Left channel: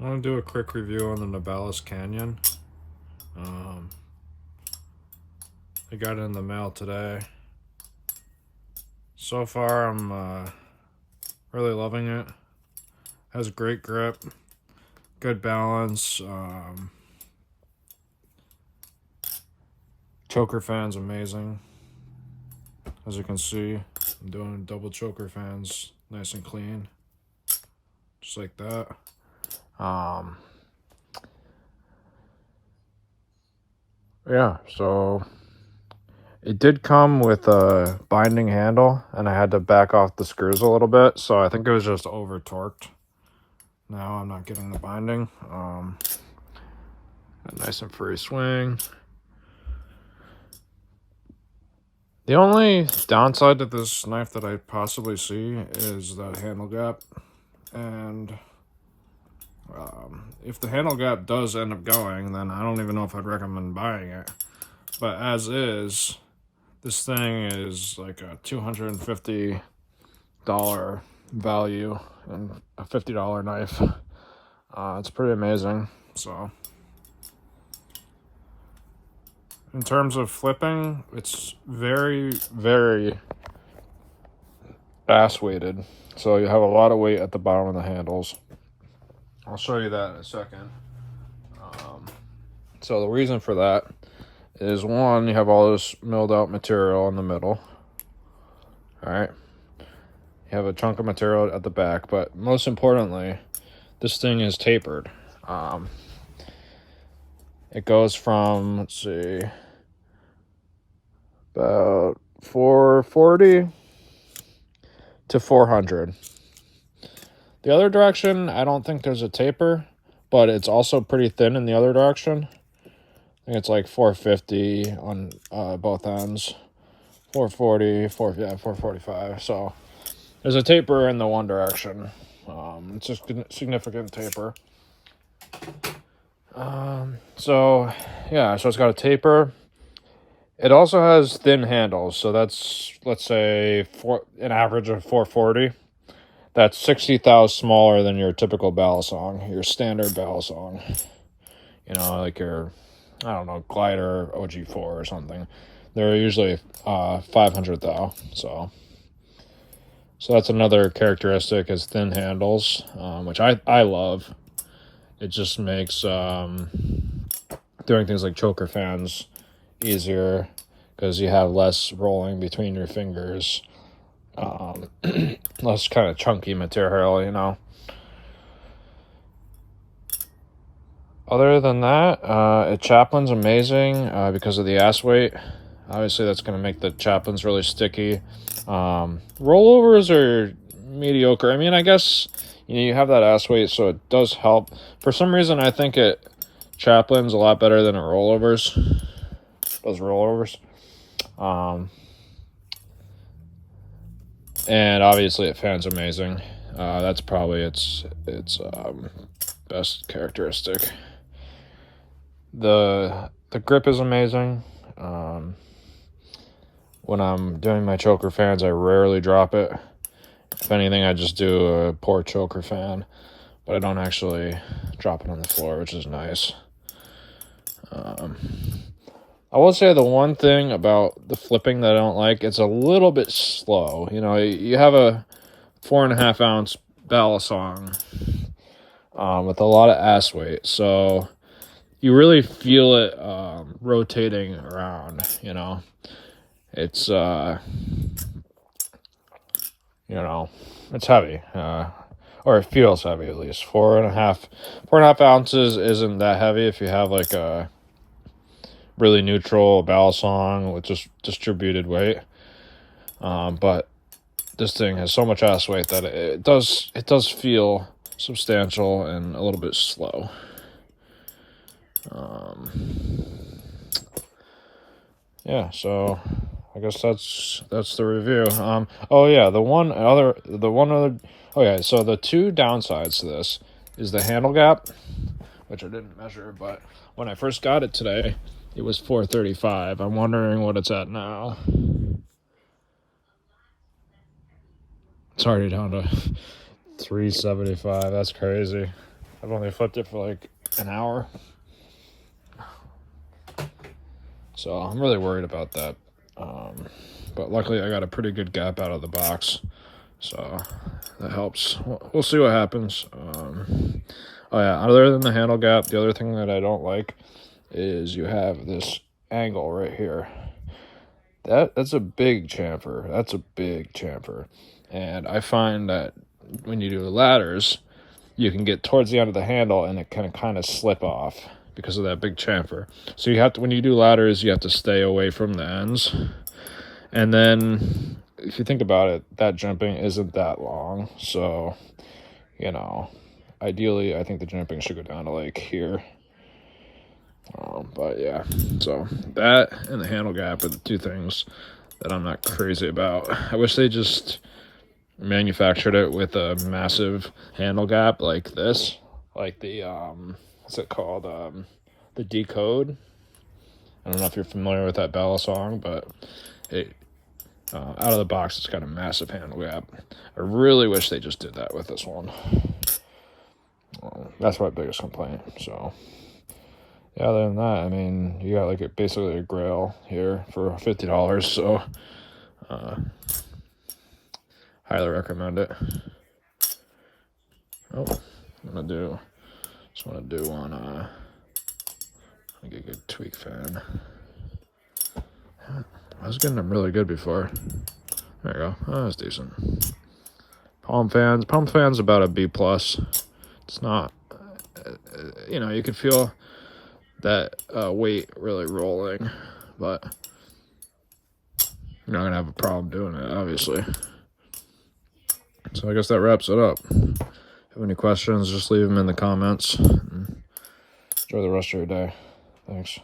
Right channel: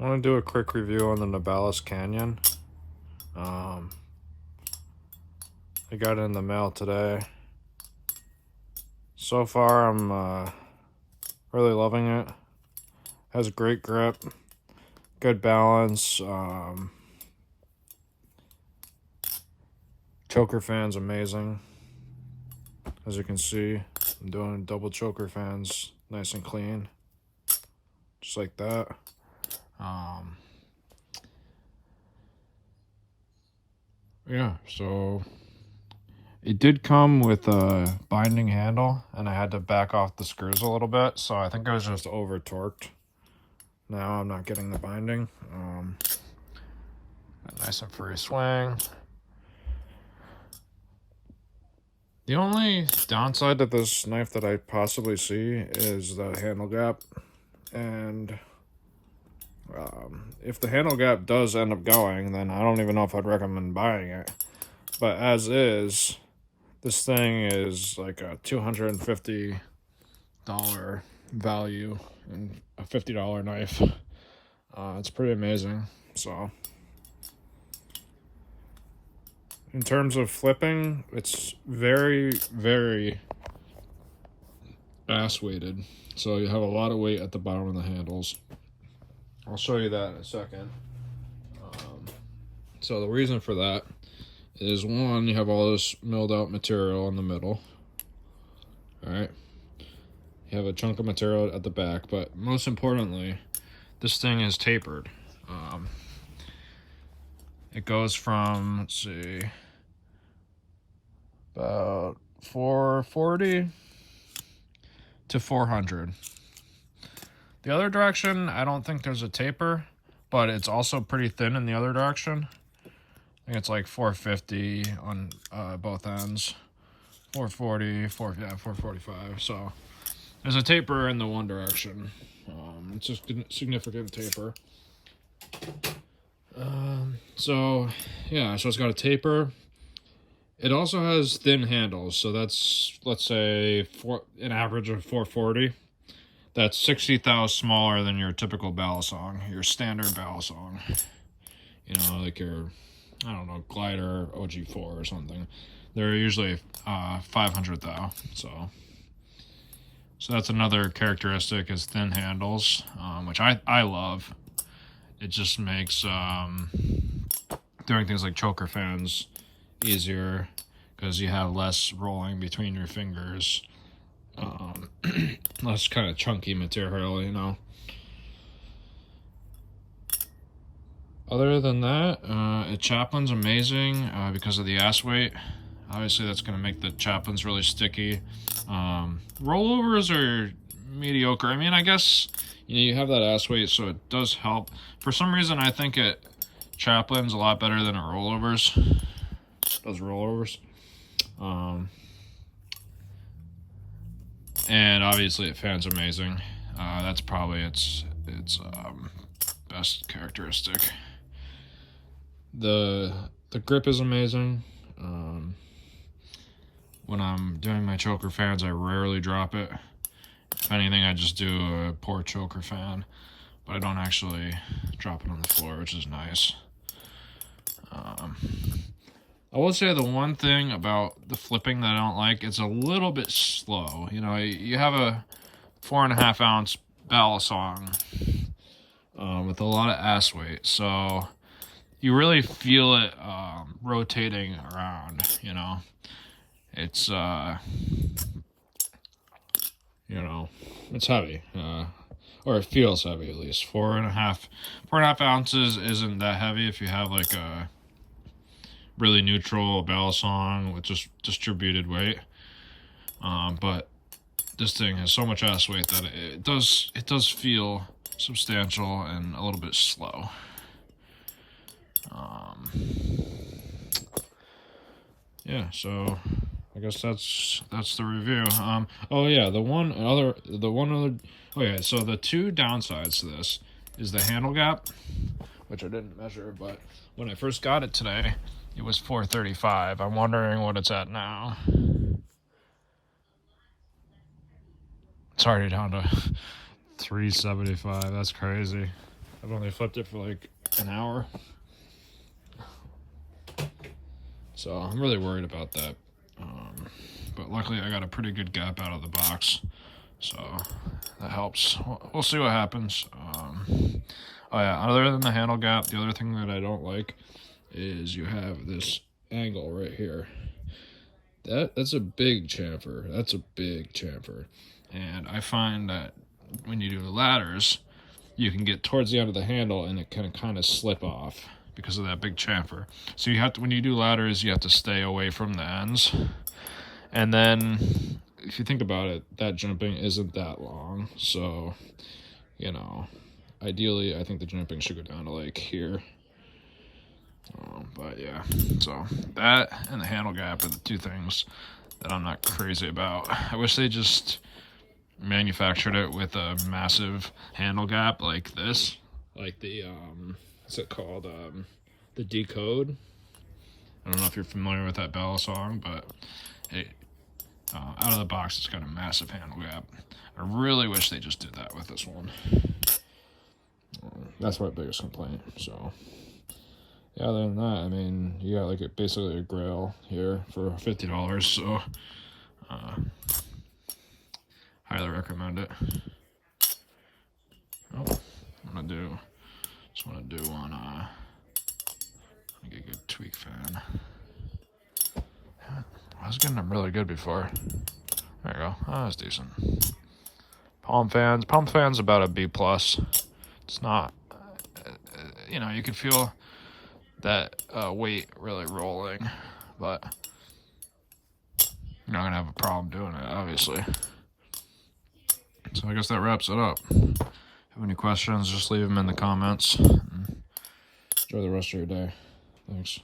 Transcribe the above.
I want to do a quick review on the Nabalis Canyon. I got it in the mail today. So far, I'm really loving it. Has great grip, good balance. Choker fan's amazing. As you can see, I'm doing double choker fans, nice and clean, just like that. Yeah, so it did come with a binding handle, and I had to back off the screws a little bit, so I think it was just over torqued. Now I'm not getting the binding. Nice and free swing. The only downside to this knife that I possibly see is the handle gap, and if the handle gap does end up going, then I don't even know if I'd recommend buying it. But as is, this thing is like a $250 value and a $50 knife. It's pretty amazing. So in terms of flipping, it's very, very ass weighted. So you have a lot of weight at the bottom of the handles. I'll show you that in a second. So the reason for that is, one, you have all this milled out material in the middle. All right. You have a chunk of material at the back, but most importantly, this thing is tapered. It goes from, let's see, about 440 to 400. The other direction, I don't think there's a taper, but it's also pretty thin in the other direction. I think it's like 450 on both ends. 440, 445. So there's a taper in the one direction. It's a significant taper. So it's got a taper. It also has thin handles, so that's, let's say, an average of 440. That's 60 thou smaller than your typical balisong, your standard balisong. You know, like your, I don't know, glider OG4 or something. They're usually 500 thou. So that's another characteristic, is thin handles, which I love. It just makes doing things like choker fans easier because you have less rolling between your fingers, less kind of chunky material, you know. Other than that, Chaplin's amazing because of the ass weight. Obviously, that's going to make the Chaplins really sticky. Rollovers are mediocre. I mean, I guess you have that ass weight, so it does help. For some reason, I think Chaplin's a lot better than rollovers. Those rollovers. And obviously, it fans amazing. That's probably its best characteristic. The grip is amazing. When I'm doing my choker fans, I rarely drop it. If anything, I just do a poor choker fan, but I don't actually drop it on the floor, which is nice. I will say the one thing about the flipping that I don't like, it's a little bit slow. You know, you have a 4.5 ounce balisong with a lot of ass weight, so you really feel it rotating around, you know. It's, you know, it's heavy, or it feels heavy at least. 4.5 ounces isn't that heavy if you have like a really neutral balisong with just distributed weight. But this thing has so much ass weight that it does feel substantial and a little bit slow. Yeah, so I guess that's the review. So the two downsides to this is the handle gap, which I didn't measure, but when I first got it today, it was 435. I'm wondering what it's at now. It's already down to 375. That's crazy. I've only flipped it for like an hour. So I'm really worried about that. But luckily I got a pretty good gap out of the box. So that helps. We'll see what happens. Oh yeah, other than the handle gap, the other thing that I don't like is you have this angle right here. That's a big chamfer. That's a big chamfer. And I find that when you do ladders, you can get towards the end of the handle and it can kind of slip off because of that big chamfer. So you have to, when you do ladders, you have to stay away from the ends. And then if you think about it, that jimping isn't that long. So, you know, ideally, I think the jimping should go down to like here. But yeah, so that and the handle gap are the two things that I'm not crazy about. I wish they just manufactured it with a massive handle gap like this, like the what's it called, the Decode. I don't know if you're familiar with that Bella song, but it out of the box it's got a massive handle gap. I really wish they just did that with this one. That's my biggest complaint. So yeah, other than that, I mean, you got like basically a grail here for $50, so highly recommend it. Oh, just want to do one, get a good tweak fan. I was getting them really good before. There you go. Oh, that's decent. Palm fans about a B+. It's not, you know, you can feel that weight really rolling, but you're not going to have a problem doing it, obviously. So I guess that wraps it up. If you have any questions, just leave them in the comments. Enjoy the rest of your day. Thanks.